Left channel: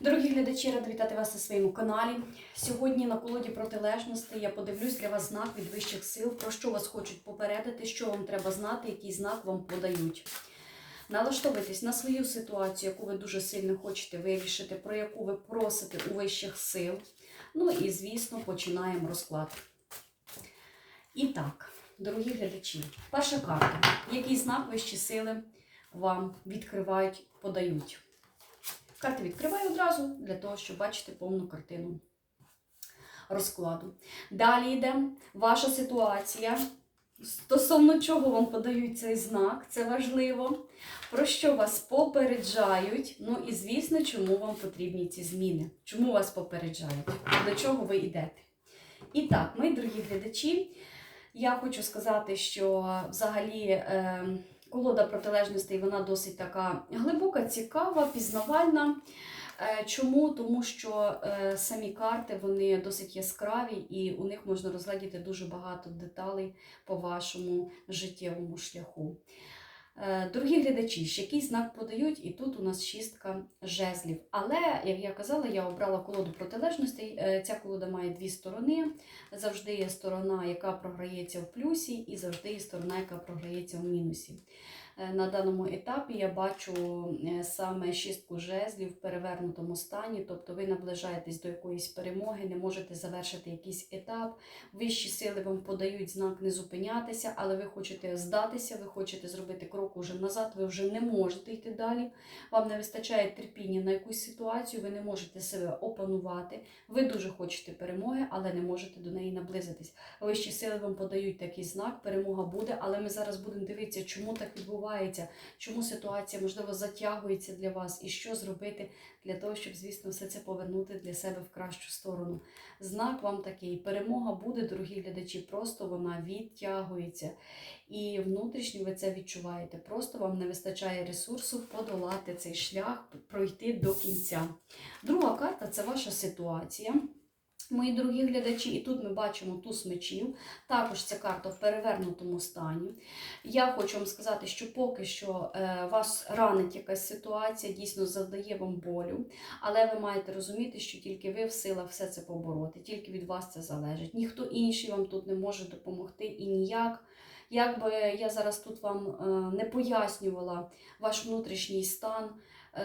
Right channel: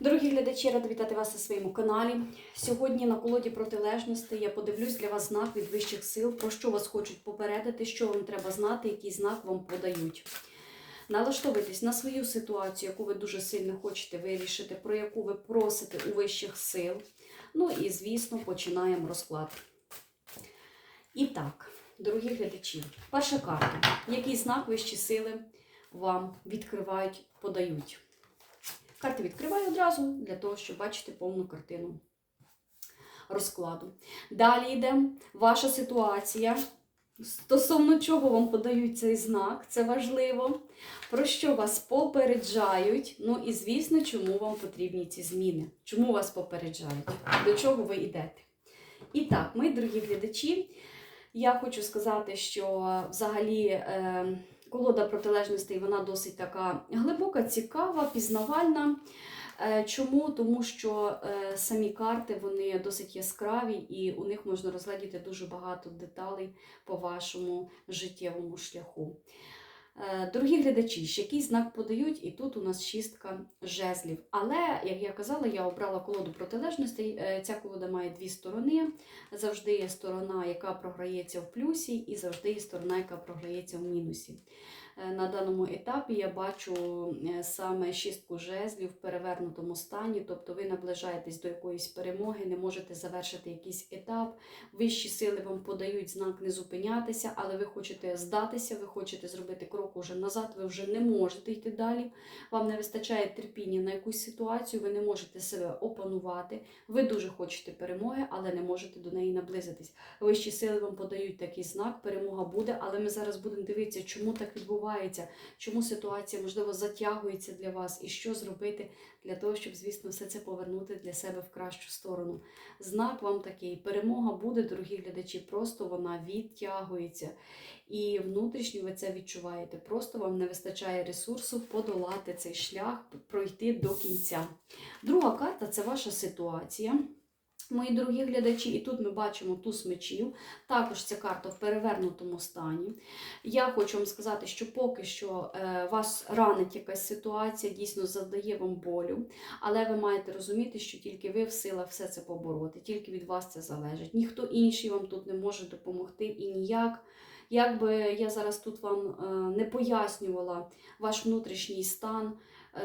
Дорогі глядачі, рада вітати вас на своєму каналі. Сьогодні на колоді протилежностей я подивлюсь для вас знак від вищих сил, про що вас хочуть попередити, що вам треба знати, який знак вам подають. Налаштовуйтесь на свою ситуацію, яку ви дуже сильно хочете вирішити, про яку ви просите у вищих сил. Ну і, звісно, починаємо розклад. І так, дорогі глядачі, перша карта. Який знак вищі сили вам відкривають, подають? Карти відкриваю одразу для того, щоб бачити повну картину розкладу. Далі йде ваша ситуація. Стосовно чого вам подають цей знак, це важливо. Про що вас попереджають. Ну і звісно, чому вам потрібні ці зміни. Чому вас попереджають? До чого ви йдете? І так, мої дорогі глядачі, я хочу сказати, що взагалі. Е, Колода протилежностей вона досить така глибока, цікава, пізнавальна. Е, Чому? Тому що е, самі карти вони досить яскраві, і у них можна розглядіти дуже багато деталей по вашому життєвому шляху. Е, Дорогі глядачі, ще який знак подають, і тут у нас шістка жезлів. Але, як я казала, я обрала колоду протилежностей. Е, Ця колода має дві сторони. Завжди є сторона, яка програється в плюсі, і завжди є сторона, яка програється в мінусі. Е, На даному етапі я бачу е, саме шістку жезлів в перевернутому стані, тобто ви наближаєтесь до якоїсь перемоги, не можете завершити якийсь етап. Вищі сили вам подають знак не зупинятися, але ви хочете здатися, ви хочете зробити крок уже назад, ви вже не можете йти далі. Вам не вистачає терпіння на якусь ситуацію, ви не можете себе опанувати. Ви дуже хочете перемоги, але не можете до неї наблизитись. Вищі сили вам подають такий знак, перемога буде, але ми зараз будемо дивитися, чому так відбувається, чому ситуація, можливо, затягується для вас, і що зробити для того, щоб, звісно, все це повернути для себе в кращу сторону. Знак вам такий: перемога буде, дорогі глядачі, просто вона відтягується. І внутрішньо ви це відчуваєте. Просто вам не вистачає ресурсу подолати цей шлях, пройти до кінця. Друга карта це ваша ситуація. Мої дорогі глядачі, і тут ми бачимо туз мечів. Також ця карта в перевернутому стані. Я хочу вам сказати, що поки що е, вас ранить якась ситуація, дійсно завдає вам болю, але ви маєте розуміти, що тільки ви в силах все це побороти, тільки від вас це залежить. Ніхто інший вам тут не може допомогти і ніяк. Як би я зараз тут вам е, не пояснювала ваш внутрішній стан,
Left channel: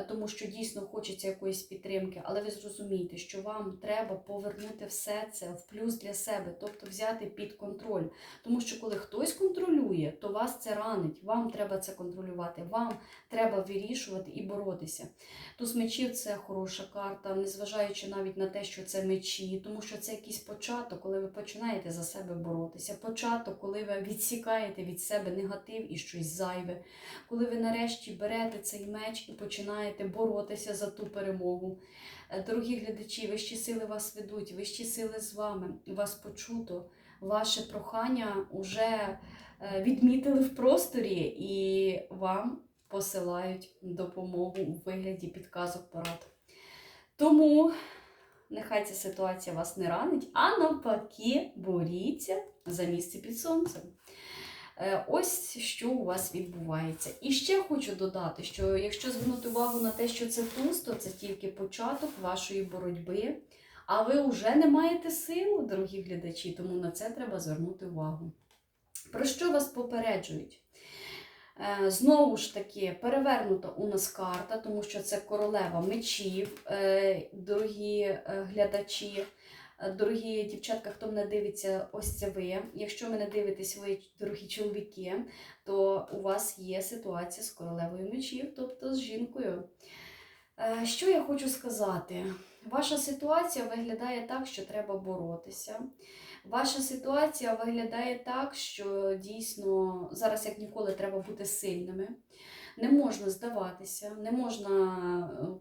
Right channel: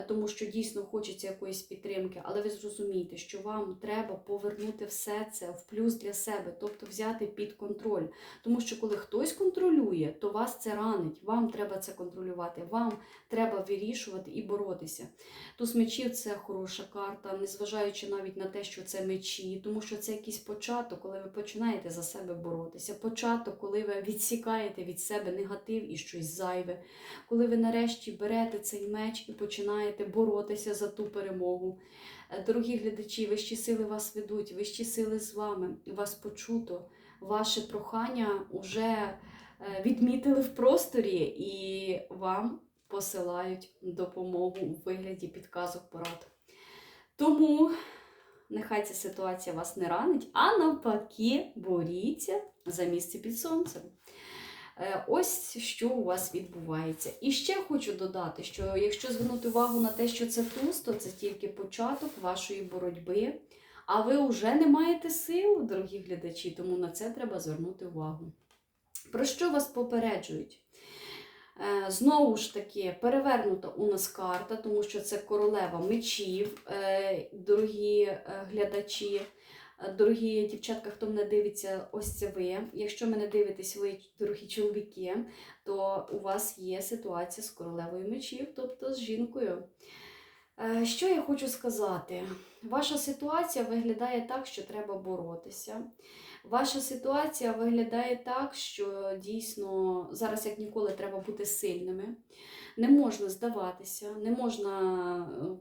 тому що дійсно хочеться якоїсь підтримки, але ви зрозумієте, що вам треба повернути все це в плюс для себе, тобто взяти під контроль. Тому що коли хтось контролює, то вас це ранить. Вам треба це контролювати, вам треба вирішувати і боротися. Туз мечів це хороша карта, незважаючи навіть на те, що це мечі, тому що це якийсь початок, коли ви починаєте за себе боротися. Початок, коли ви відсікаєте від себе негатив і щось зайве, коли ви нарешті берете цей меч і починаєте боротися за ту перемогу. Е, Дорогі глядачі, вищі сили вас ведуть, вищі сили з вами, вас почуто, ваше прохання вже е, відмітили в просторі і вам посилають допомогу у вигляді підказок порад. Тому нехай ця ситуація вас не ранить, а навпаки, боріться за місце під сонцем. Е, Ось що у вас відбувається. І ще хочу додати, що якщо звернути увагу на те, що це туз, то це тільки початок вашої боротьби, а ви вже не маєте сил, дорогі глядачі, тому на це треба звернути увагу. Про що вас попереджують? Е, Знову ж таки, перевернута у нас карта, тому що це королева мечів, Е, дорогі глядачі. Дорогі дівчатка, хто мене дивиться, ось це ви. Якщо мене дивитесь, ви, дорогі чоловіки, то у вас є ситуація з королевою мечів, тобто з жінкою. Е, Що я хочу сказати? Ваша ситуація виглядає так, що треба боротися. Ваша ситуація виглядає так, що дійсно зараз, як ніколи, треба бути сильними. Не можна здаватися, не можна,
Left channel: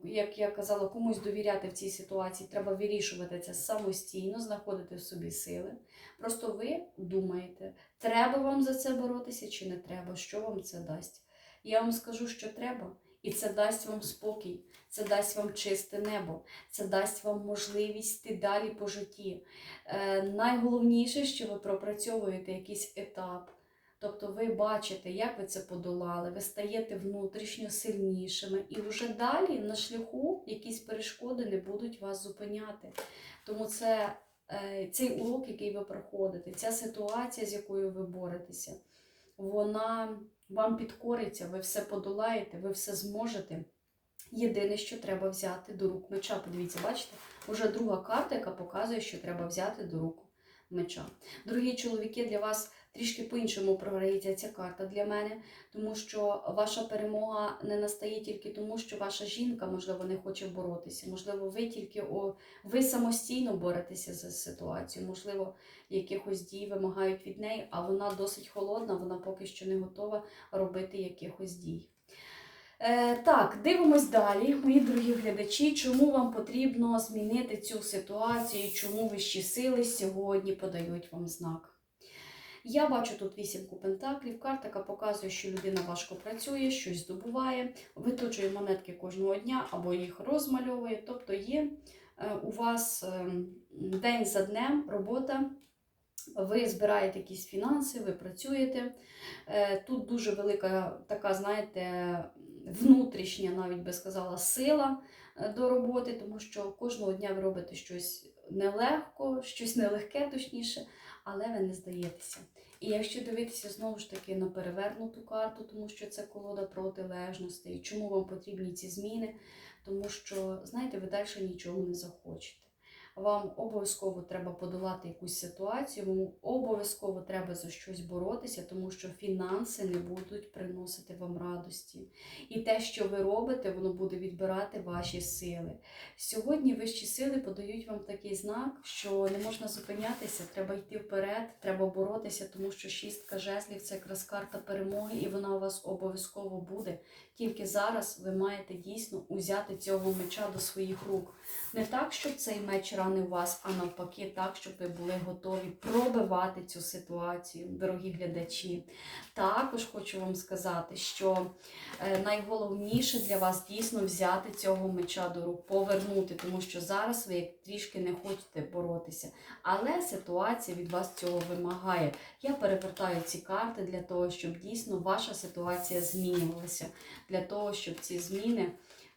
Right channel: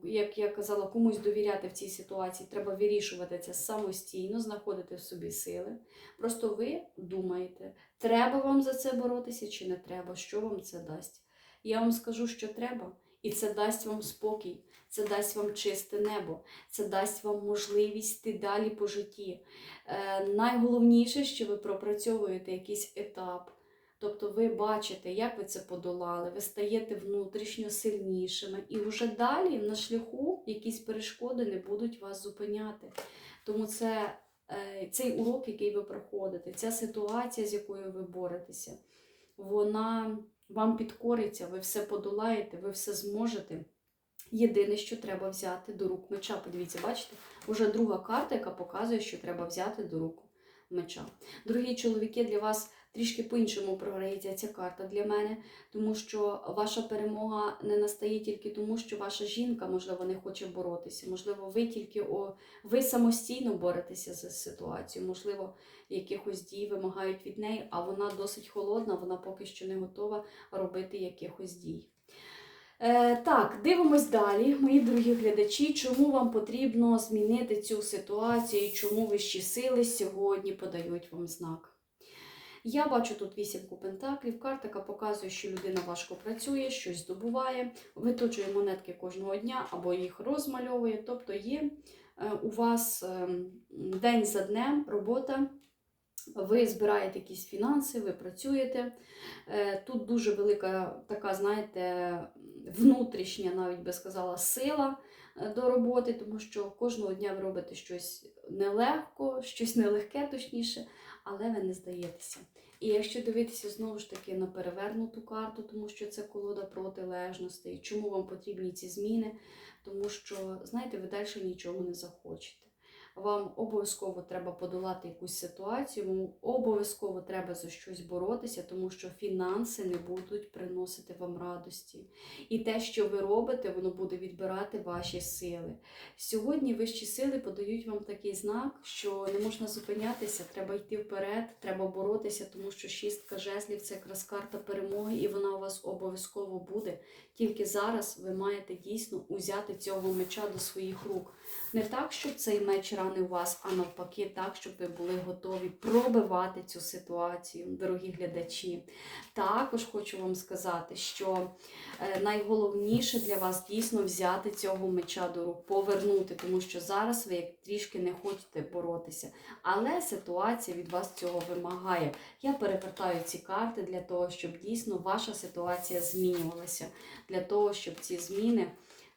е, як я казала, комусь довіряти в цій ситуації. Треба вирішувати це самостійно, знаходити в собі сили. Просто ви думаєте, треба вам за це боротися чи не треба, що вам це дасть. Я вам скажу, що треба, і це дасть вам спокій, це дасть вам чисте небо, це дасть вам можливість йти далі по житті. Е, найголовніше, що ви пропрацьовуєте якийсь етап. Тобто ви бачите, як ви це подолали, ви стаєте внутрішньо сильнішими. І вже далі на шляху, якісь перешкоди не будуть вас зупиняти. Тому це е, цей урок, який ви проходите, ця ситуація, з якою ви боретеся, вона вам підкориться, ви все подолаєте, ви все зможете. Єдине, що треба взяти до рук меча. Подивіться, бачите, уже друга карта, яка показує, що треба взяти до рук меча. Дорогі чоловіки, для вас трішки по-іншому програється ця карта для мене, тому що ваша перемога не настає тільки тому, що ваша жінка, можливо, не хоче боротися. Можливо, ви тільки о, ви самостійно боретеся за ситуацію. Можливо, якихось дій вимагають від неї, а вона досить холодна, вона поки що не готова робити якихось дій. Е, так, дивимось далі, мої дорогі глядачі, чому вам потрібно змінити цю ситуацію, чому вищі сили сьогодні подають вам знак. Я бачу тут вісімку пентаклів, карта, яка показує, що людина важко працює, щось здобуває, виточує монетки кожного дня або їх розмальовує. Тобто є е, у вас е, день за днем робота, ви збираєте якісь фінанси, ви працюєте. Е, Тут дуже велика така, знаєте, внутрішня, навіть би сказала, сила е, до роботи, тому що кожного дня ви робите щось нелегко, щось нелегке, точніше, але ви не здаєтеся. І якщо дивитися знову ж таки на перевернуту карту, тому що це колода протилежностей, чому вам потрібні ці зміни? Тому що, знаєте, ви далі нічого не захочете. Вам обов'язково треба подолати якусь ситуацію, вам обов'язково треба за щось боротися, тому що фінанси не будуть приносити вам радості. І те, що ви робите, воно буде відбирати ваші сили. Сьогодні вищі сили подають вам такий знак, що не можна зупинятися, треба йти вперед, треба боротися, тому що шістка жезлів це якраз карта перемоги, і вона у вас обов'язково буде. Тільки зараз ви маєте дійсно узяти цього меча до своїх рук. Не так, щоб цей меч ранив вас, а навпаки, так, щоб ви були готові пробивати цю ситуацію, дорогі глядачі. Також хочу вам сказати, що е, найголовніше для вас дійсно взяти цього меча до рук, повернути, тому що зараз ви трішки не хочете боротися. Але ситуація від вас цього вимагає. Я перевертаю ці карти для того, щоб дійсно ваша ситуація змінювалася, для того, щоб ці зміни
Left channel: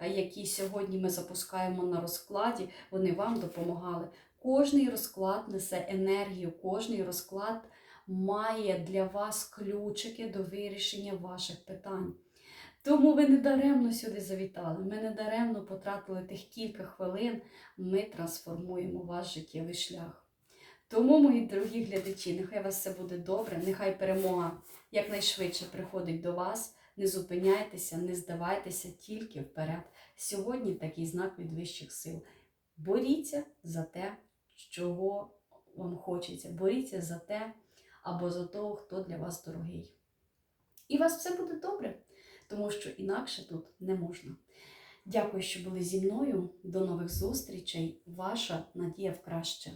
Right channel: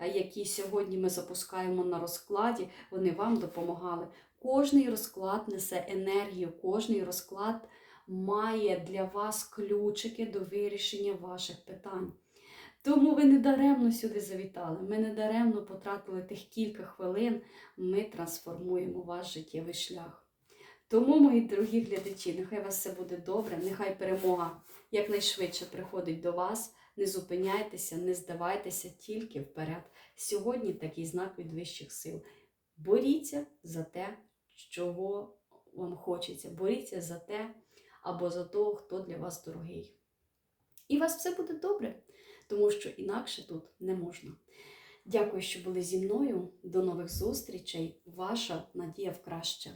які сьогодні ми запускаємо на розкладі, вони вам допомагали. Кожний розклад несе енергію, кожний розклад має для вас ключики до вирішення ваших питань. Тому ви не даремно сюди завітали. Ми не даремно потратили тих кілька хвилин. Ми трансформуємо ваш життєвий шлях. Тому, мої дорогі глядачі, нехай у вас все буде добре, нехай перемога якнайшвидше приходить до вас. Не зупиняйтеся, не здавайтеся тільки вперед. Сьогодні такий знак від вищих сил. Боріться за те, чого вам хочеться. Боріться за те або за того, хто для вас дорогий. І у вас все буде добре, тому що інакше тут не можна. Дякую, що були зі мною. До нових зустрічей. Ваша надія в краще.